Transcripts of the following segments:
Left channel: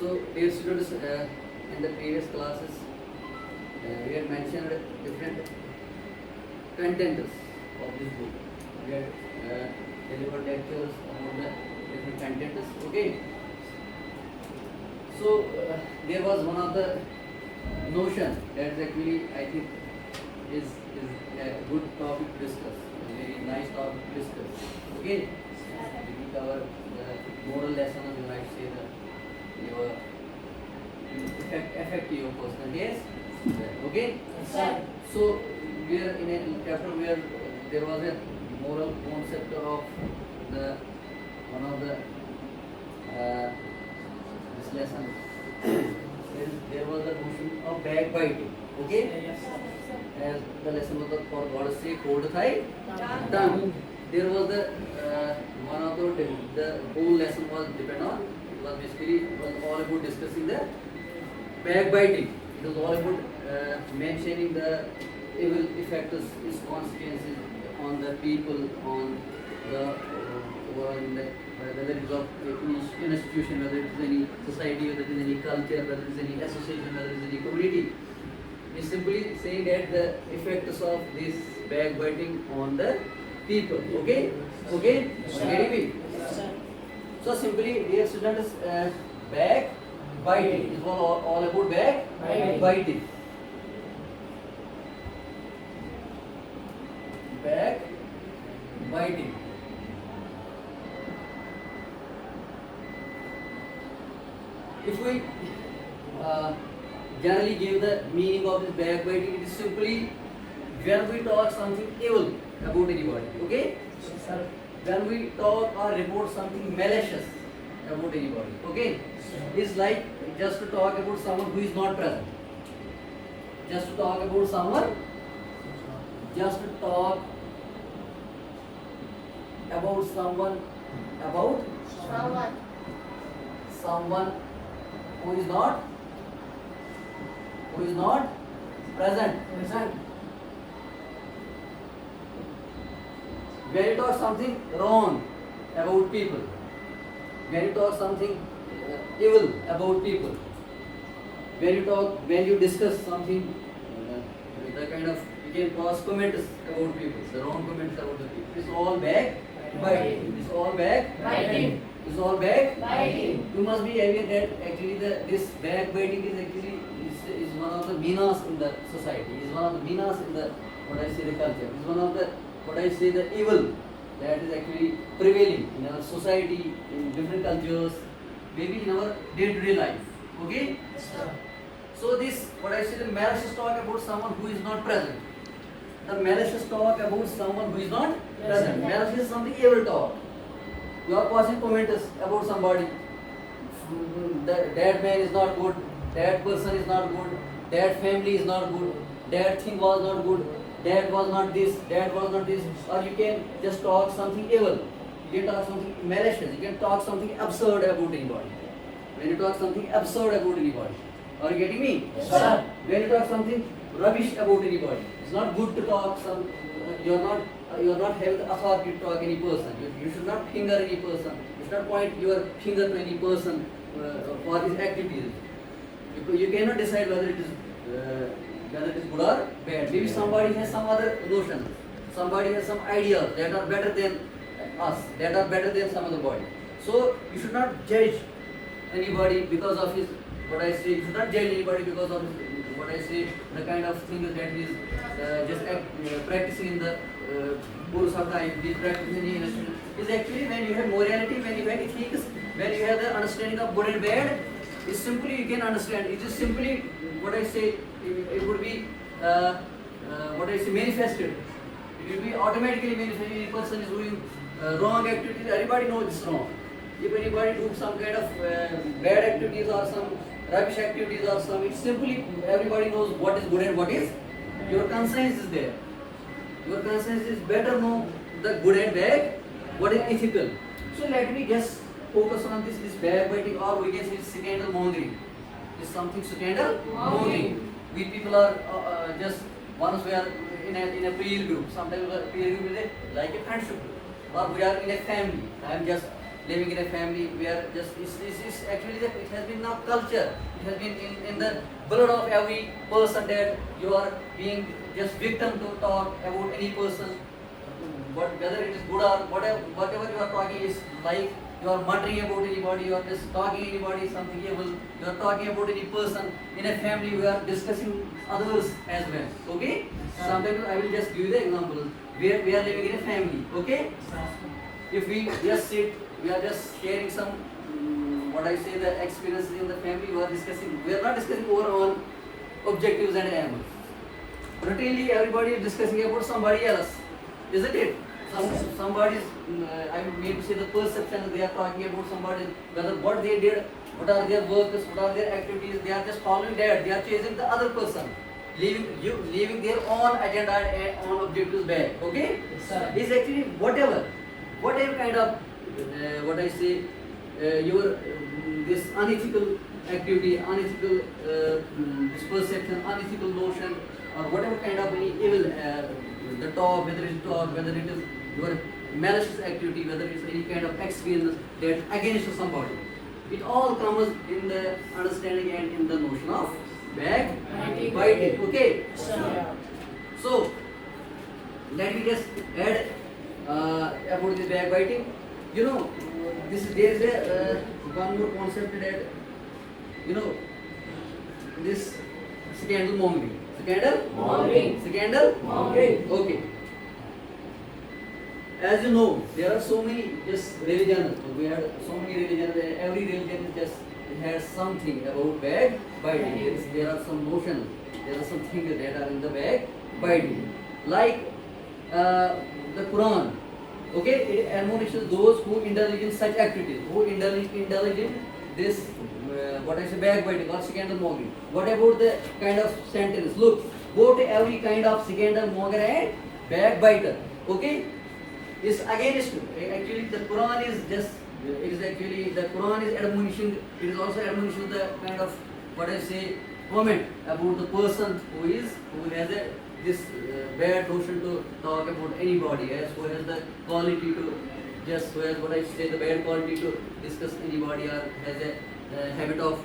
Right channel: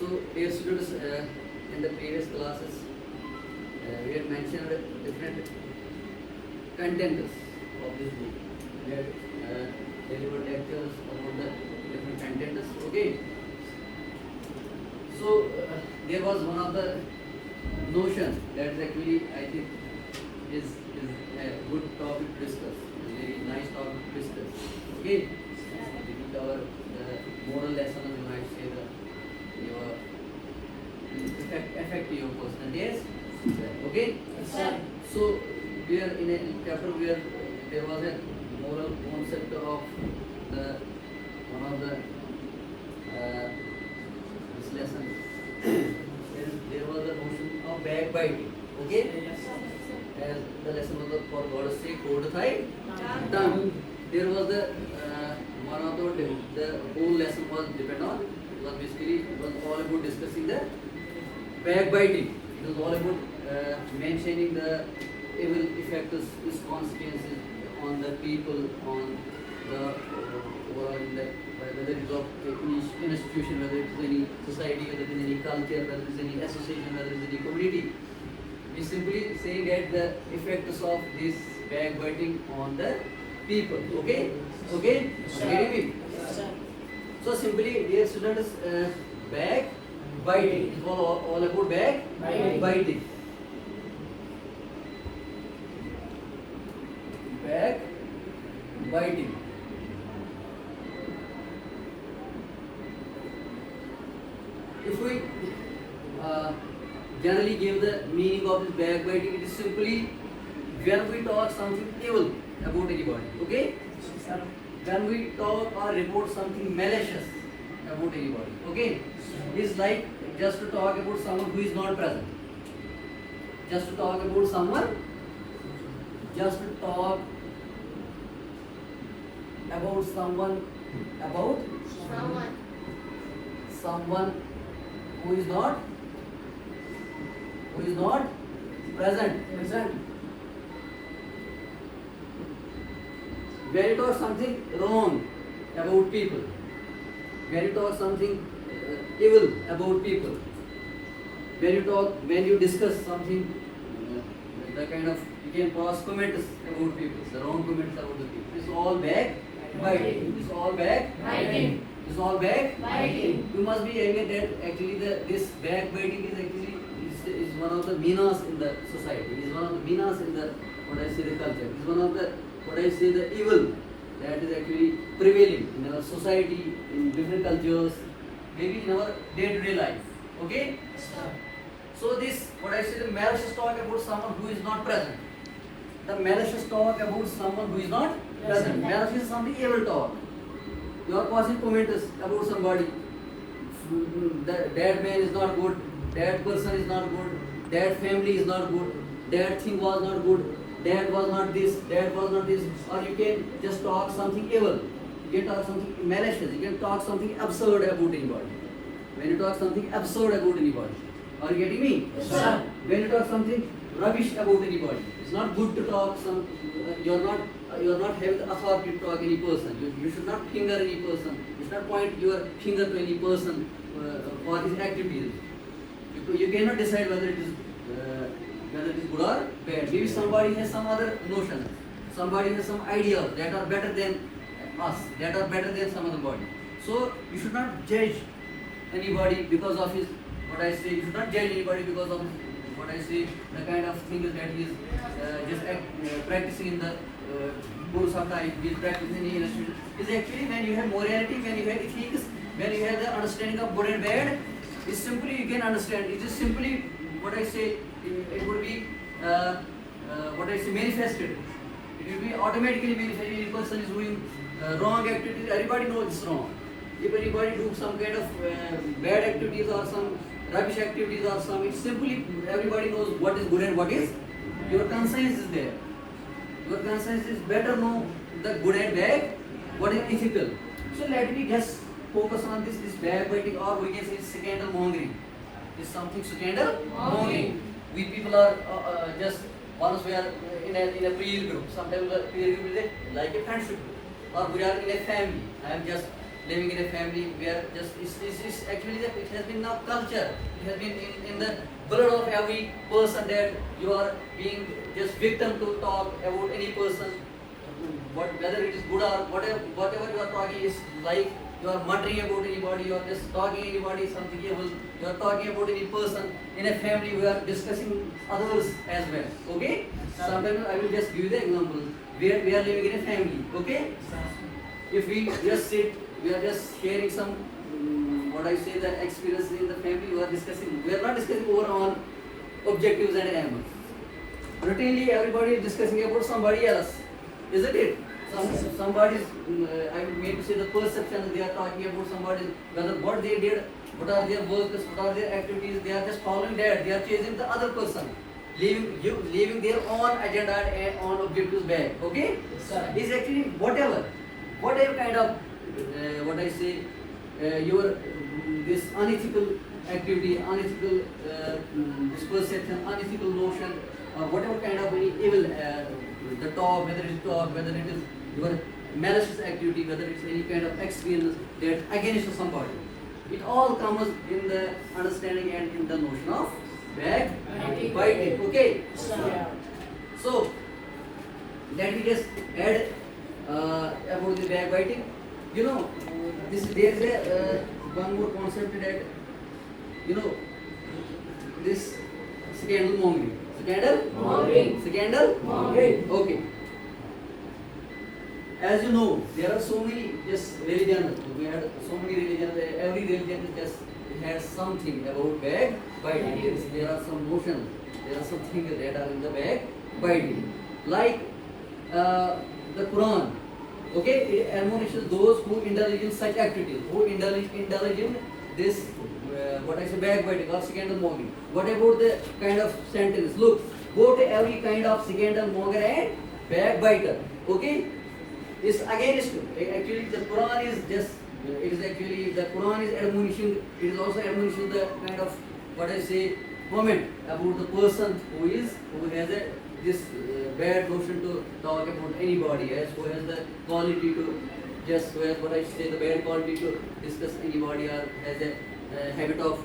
So, dear students, in the previous classes, we had mentioned different contents of this book. We had delivered lectures about the different contents. Okay. So, there was one of the notion that actually I think is a good topic to discuss, a very nice topic to discuss. Okay. We cover the moral lesson, and you might say that your affect your personalities. Okay. So we are in a chapter where there was a moral concept of the one of the this lesson. There was a notion of backbiting. Okay. And the lesson was for God's sake, hold thy tongue. There was the one of the whole lesson was depend on. It was basically all about discussing the backbiting. It was all about mentioning the evil effects, its consequences on the people, on the overall in the whether it is of any institution, whether it is any society, whether it is any culture, whether it is any association, whether it is any community. We simply saying that the effects of this backbiting on the people. Okay? Okay? Getting me? So simply, dear students, backbiting is all about backbiting. Backbiting. If we generally give the meaning of this backbiting, it is simply when we talk something evil about anybody. Okay? When we talk or report something malicious about anybody. Okay? It's like just to talk about someone who is not present. Just to talk about someone. Just to talk about someone. About someone who is not present. When you talk something wrong about people, when you talk something evil about people, when you discuss something, the kind of you can cross comments about people, the wrong comments about the people. It's all backbiting. It's all backbiting. It's all backbiting. You must be aware that actually this backbiting is actually is one of the minas in the society. Is one of the minas in the the culture. Is one of the the evil that is actually prevailing in our society, in different cultures, maybe in our day-to-day life. Okay? So this, the malicious talk about someone who is not present. The malicious talk about someone who is not present. Malicious is something evil talk. You are passing comments about somebody. That man is not good. That person is not good. That family is not good. That thing was not good. That was not this, that was not this, or you can just talk something evil, you can talk something malicious, you can talk something absurd about anybody. When you talk something absurd about anybody, are you getting me? Yes. When you talk something rubbish about anybody, it's not good to talk some, you are not having the authority to talk any person. You should not finger any person, you should not point your finger to any person for his activities. You cannot decide whether it is good or bad. Maybe somebody has some other notion, somebody has some ideas that are better than us, that are better than some other body. So you should not judge anybody because of his, you should not judge anybody because of the kind of thing that he is just practicing in the course of life, he is practicing is actually when you have morality, when you have ethics, when you have the understanding of good and bad, it's simply you can understand. It is simply it would be manifested. It will be automatically manifested. If a person is doing wrong activities, everybody knows it's wrong. If anybody doing some kind of bad activities or some rubbish activities or some, it's simply everybody knows what is good and what is. Your conscience is there. Your conscience is better know the good and bad, what is ethical. So let me just focus on this backbiting, or we can say scandal mongering. It's something scandal mongering. We people are just once we are in a peer group. Sometimes the peer group is like a friendship group, or we are in a family. I am just living in a family where just it's actually it has been now culture. It has been in the blood of every person that you are being just victim to talk about any person. Whether it is good or whatever you are talking is like you are muttering about anybody, you are just talking anybody something else, you are talking about any person in a family, we are discussing others as well. Okay? Sometimes I will just give you the example. We are living in a family, okay? If we just sit, we are just sharing some what I say the experiences in the family, we are not discussing overall objectives and aims. Routinely everybody is discussing about somebody else. Isn't it? Somebody's, I may say the perception, they are talking about somebody, whether what they did, what are their works, what are their activities, they are just following that, they are chasing the other person, leaving their own agenda and own objectives back. Okay? It's actually whatever kind of, what I say, your this unethical activity, unethical this perception, unethical notion, or whatever kind of any evil, the talk, whether it is your malicious activity, whether it's any kind of experience that against somebody. It all comes in the understanding and in the notion of backbiting. Okay? So, let me just add about the backbiting. You know, there is a one more concept that, you know, this scandal mongering. Scandal mongering. Okay. As you know, there are so many just religions. We had so many religions. Every religion just has something about backbiting. There are some notions. There are some things that are in the backbiting. Like the Quran. Okay, it admonishes those who indulge in such activities, who indulge in this what I say backbiting or scandal mongering. What about the kind of sentence? Look, go to every kind of scandal monger and backbiter. Okay, it's against you. Actually, the Quran is just. It is actually the Quran is admonishing. It is also admonishing the kind of what I say comment about the person who has this bad notion to talk about anybody else, who has the quality to just who has what I say the bad quality to discuss anybody, or has a habit of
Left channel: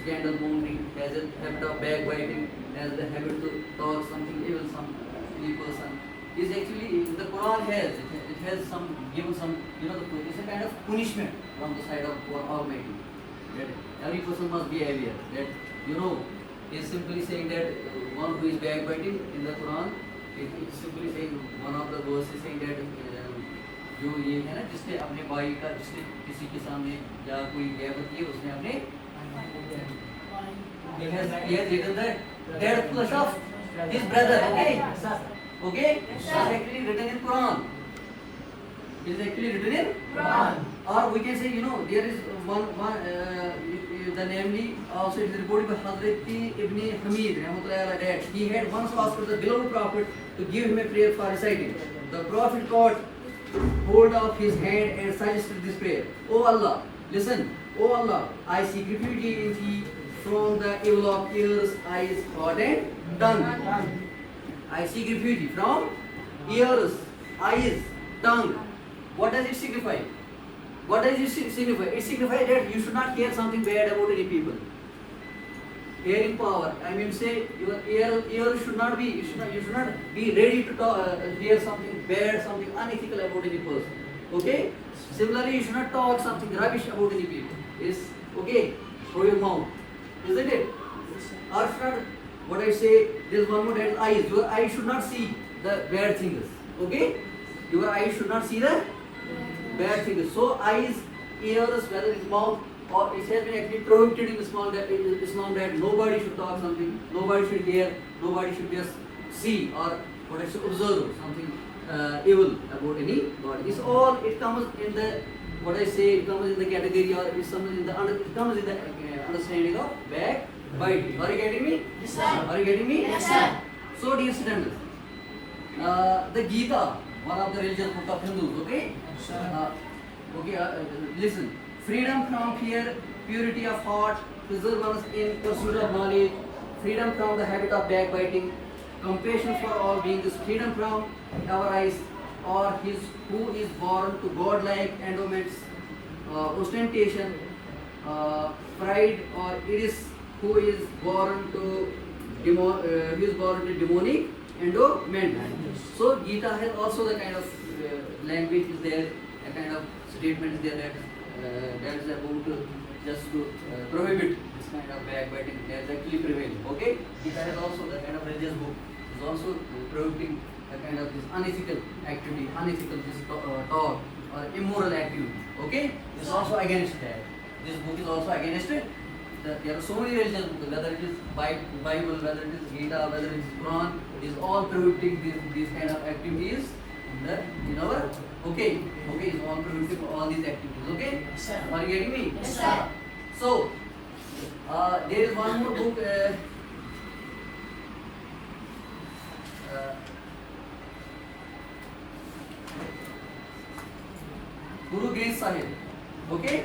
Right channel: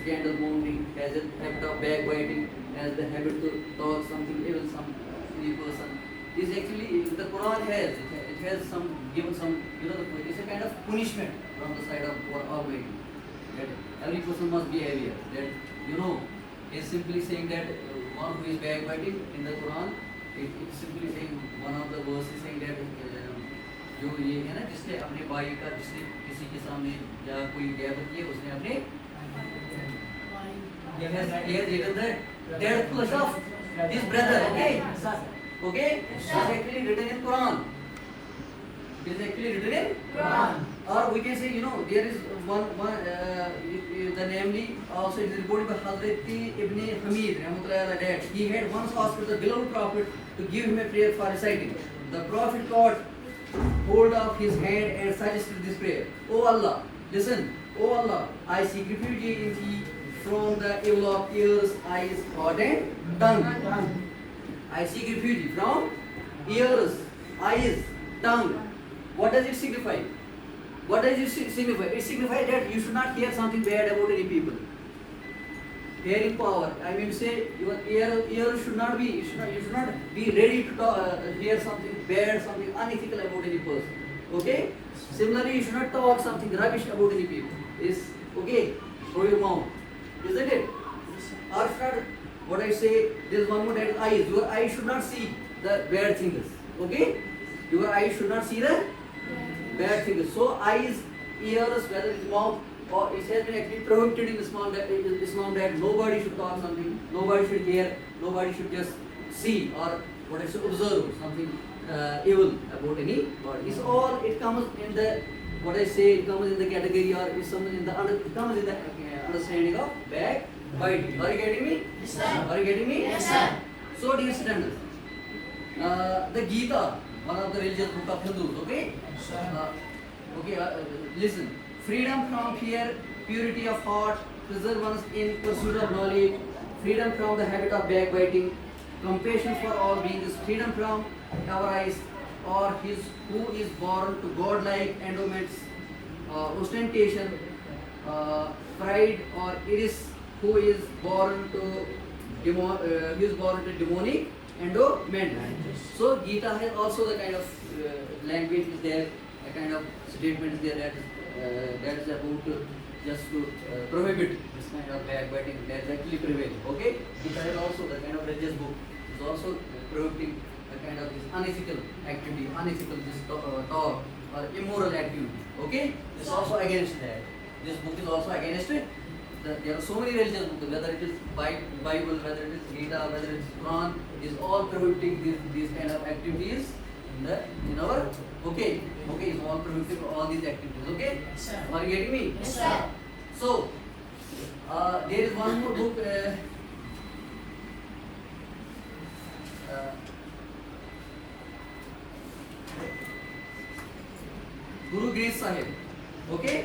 scandal mongering, has a habit of backbiting, has the habit to talk something evil, some any person. Is actually the Quran has some given some, you know, it's a kind of punishment from the side of Almighty. That every person must be aware that, you know, is simply saying that one who is backbiting in the Quran, it simply saying one of the verses saying that जो ये है ना जिसने अपने भाई का जिसने किसी के सामने या कोई गैबत किया उसने अपने he has eaten the dead flesh of his brother. Okay, it's actually written in Quran. It is actually written in Quran. Or we can say, you know, there is one the namely also it is reported by Hazrat Ibn Hamid that he had once asked the beloved Prophet to give him a prayer for reciting. The Prophet caught hold of his hand and suggested this prayer. O Allah, listen. O Allah, I seek refuge in thee from the evil of ears, eyes, heart and tongue. I seek refuge from ears, eyes, tongue. What does it signify? What does it signify? It signifies that you should not hear something bad about any people. Hearing power. I mean to say your ear should not be, you should not be ready to talk, hear something bad, something unethical about any person. Okay? Similarly, you should not talk something rubbish about any people. Is okay for your mouth. Isn't it? Or should not, what I say, there's one more that is eyes. Your eyes should not see the bad things. Okay? Your eyes should not see the bad things. So eyes, ears, whether it's mouth, or it has been actually prohibited in Islam that nobody should talk something, nobody should hear, nobody should just see or what I say observe something evil about anybody. It's all, it comes in the what I say, it comes in the category or it comes in the understanding of backbiting. Are you getting me? Yes, sir. Are you getting me? Yes, sir. So dear students, the Gita, one of the religious book of Hindus, okay? Listen. Freedom from fear, purity of heart, perseverance in pursuit of knowledge, freedom from the habit of backbiting, compassion for all beings, freedom from avarice, or his who is born to godlike endowments, ostentation, pride, or it is who is born to demonic endowment. So Gita has also the kind of language is there, a kind of statement is there that is about just to prohibit this kind of backbiting that actually prevails. Okay, Gita has also the kind of religious book is also prohibiting the kind of this unethical activity, unethical this talk or immoral activity. Okay, it's also against that. This book is also against it. There are so many religions, whether it is Bible, whether it is Gita, whether it is Quran, is all prohibiting these kind of activities in our is all prohibiting all these activities. Okay, are you getting me? Yes, sir. So there is one more book. Guru Granth Sahib. Okay.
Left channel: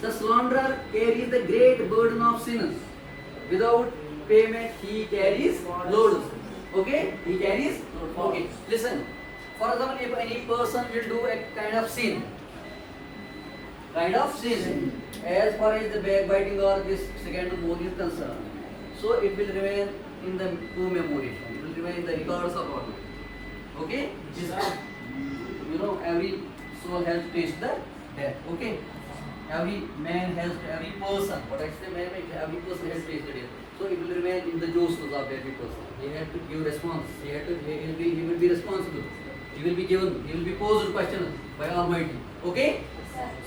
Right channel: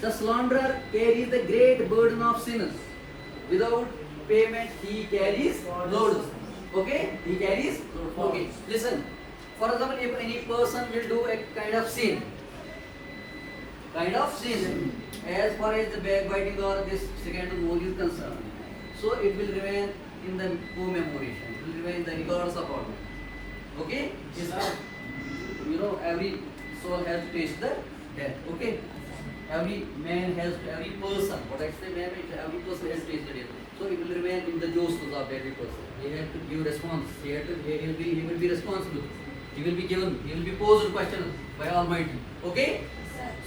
The slanderer carries the great burden of sinners. Without payment, he carries loads. Okay? He carries. Okay. Listen. For example, if any person will do a kind of sin, as far as the backbiting or this second mode is concerned, so it will remain in the commemoration. It will remain in the records of our. Okay? Every soul has to taste the death. Okay? Every man has, every person, what I say, man, every person has tasted it. So it will remain in the justice of every person. He has to give response. He will be responsible. He will be posed a question by Almighty. Okay?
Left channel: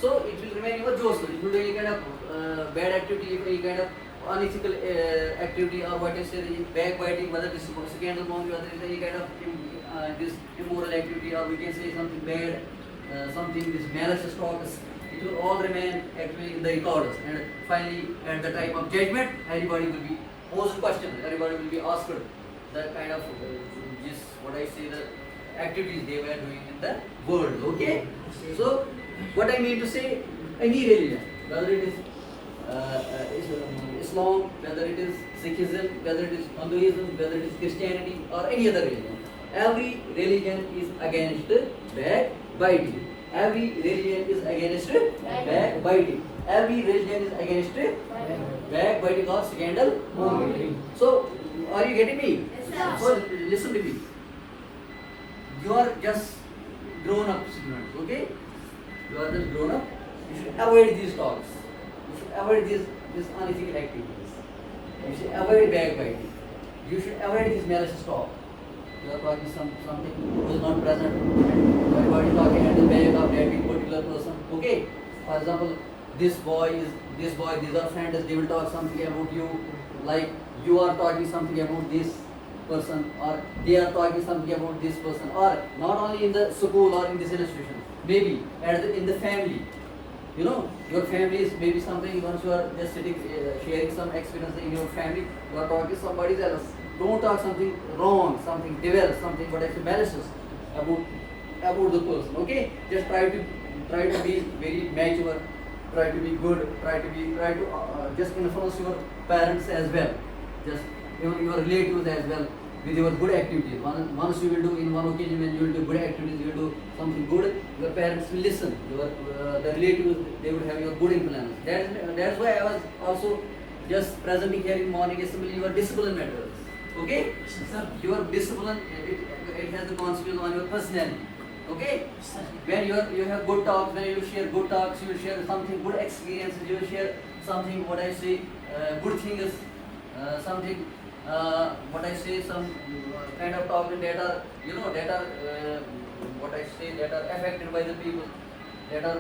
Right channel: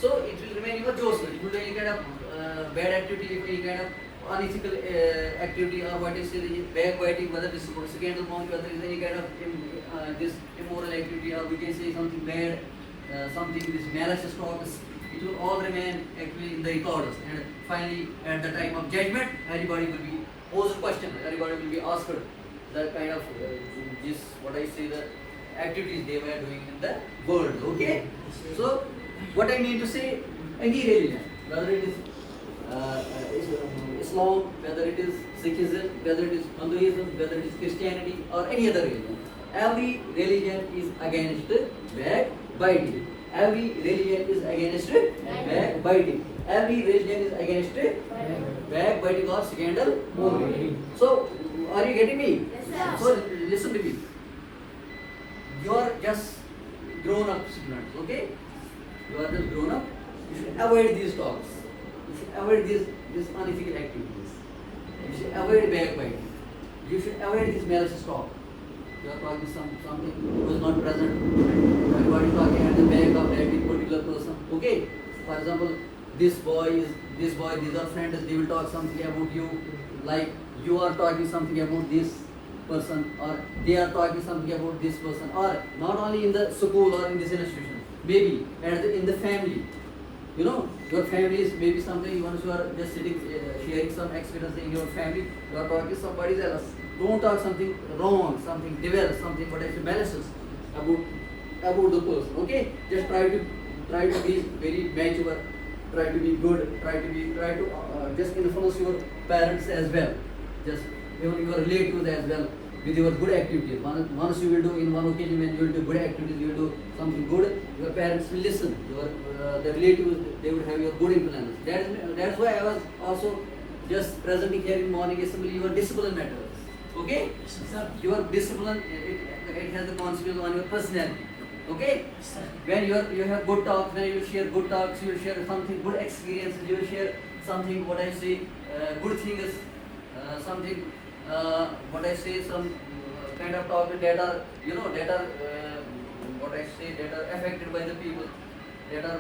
So it will remain your justice. If you do any kind of bad activity, if any kind of unethical activity, or what I say, backbiting, whether this is scandal, whether it is any kind of this immoral activity, or we can say something bad, something this malicious talk, it will all remain actually in the records, and finally at the time of judgment everybody will be posed question, everybody will be asked the kind of this what I say the activities they were doing in the world. Okay, so what I mean to say, any religion, whether it is Islam, whether it is Sikhism, whether it is Hinduism, whether it is Christianity or any other religion, every religion is against backbiting. Every religion is against backbiting. Every religion is against backbiting or scandal mongering. So, are you getting me? Yes, so, listen to me. You are just grown up students, okay? You are just grown up. You should avoid these talks. You should avoid these unethical activities. You should avoid backbiting. You should avoid this malicious talk. You are talking something who is not present, and everybody talking at the back of every particular person. Okay? For example, these are friends, they will talk something about you, like you are talking something about this person, or they are talking something about this person, or not only in the school or in this institution, maybe in the family. You know, your family is maybe something, once you are just sitting, sharing some experience in your family, you are talking somebody else. Don't talk something wrong, something devil, something what actually malicious about the person. Okay, just try to be very mature, try to be good, try to just influence your parents as well, just even your relatives as well with your good activities. Once you will do in one occasion when you will do good activities, you will do something good, your parents will listen. The relatives, they will have your good influence. That's why I was also just presenting here in morning assembly your discipline matters. Okay? Your discipline, it has a consequence on your personality. Okay? When you have good talks, when you share good talks, you share something good experiences, you share something what I say good things, something what I say some kind of talks that are what I say that are affected by the people, that are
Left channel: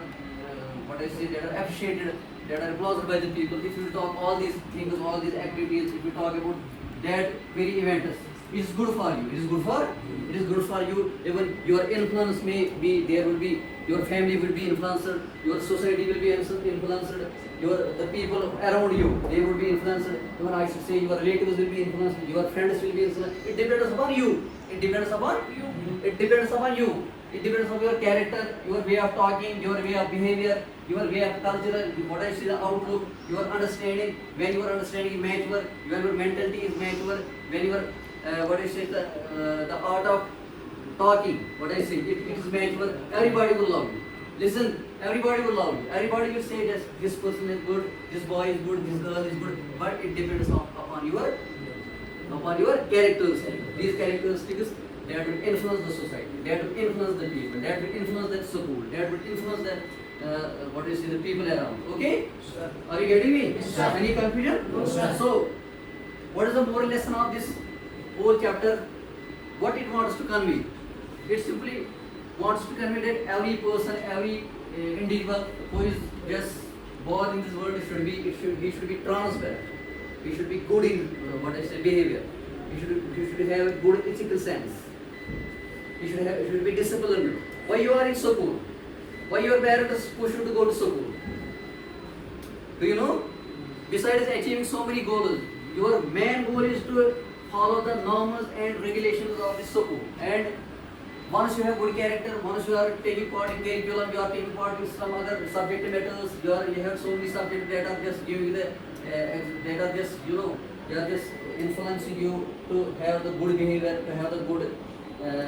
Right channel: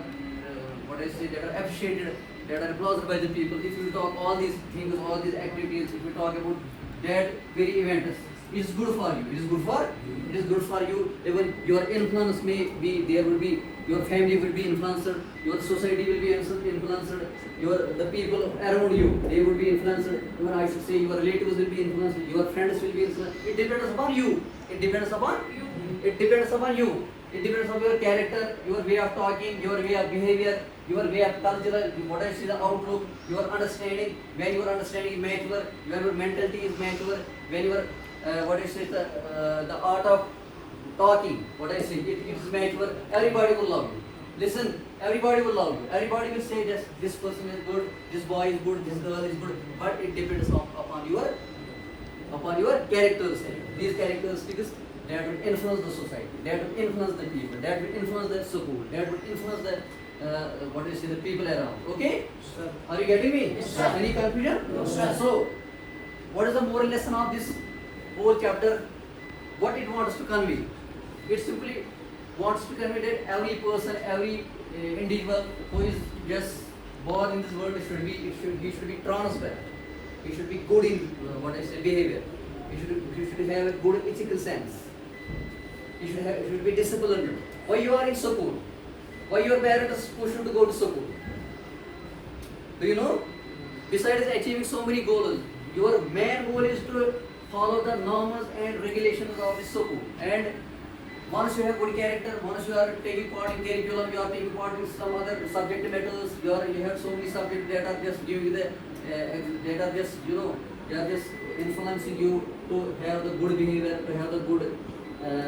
what I say that are appreciated, that are applauded by the people. If you talk all these things, all these activities, if you talk about that very event, is good for you. It is good for you. Even your influence may be, there will be, your family will be influenced, your society will be influenced, the people around you, they will be influenced. Even I should say your relatives will be influenced, your friends will be influenced. It depends upon you. It depends upon you. It depends on your character, your way of talking, your way of behavior, your way of cultural, what I see the outlook, your understanding. When your understanding is mature, when your mentality is mature, when your what I say the art of talking, what I say, it is mature, everybody will love you. Listen, everybody will love you. Everybody will say that this person is good, this boy is good, this girl is good. But it depends upon your characters. These characteristics that will influence the society, that will influence the people, that will influence the school, that will influence the the people around. Okay? Sir. Are you getting me? Yes, sir. Any confusion? No, sir. So, what is the moral lesson of this whole chapter? What it wants to convey? It simply wants to convey that every person, every individual who is just born in this world he should be transparent. He should be good in behavior. He should have a good ethical sense. He should be disciplined. Why you are in school? Why your parents push you to go to school? Do you know? Besides achieving so many goals, your main goal is to follow the norms and regulations of the school. And once you have good character, once you are taking part in curriculum, you are taking part in some other subject matters, you have so many subjects that are just giving the, that are just, they are just influencing you to have the good behavior, to have the good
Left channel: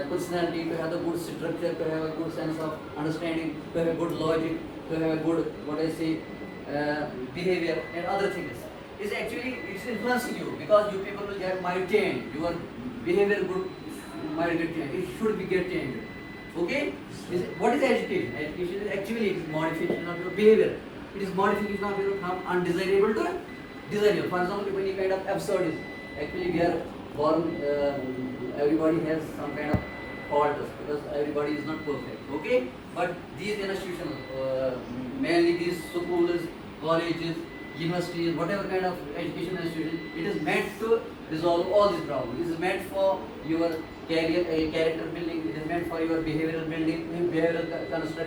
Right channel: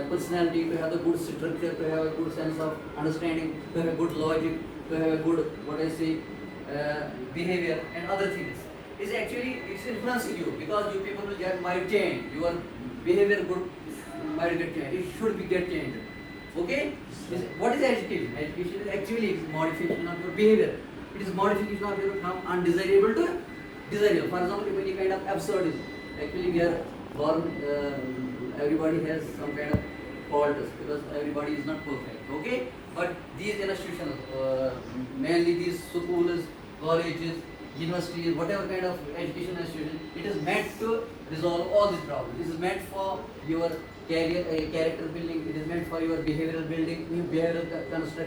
personality, to have the good structure, to have a good sense of understanding, to have a good logic, to have a good, behavior and other things. It's influencing you because you people might change. Your behavior good might get changed. It should be get changed. Okay? What is education? Education is actually modification of your behavior. It is modification of your from undesirable to desirable. For example, any kind of absurdism. Actually, we are born. Everybody has some kind of faults because everybody is not perfect. Okay? But these institutions, mainly these schools, colleges, universities, whatever kind of education institution, it is meant to resolve all these problems. It is meant for your character building. It is meant for your behavioral building, behavioral construction.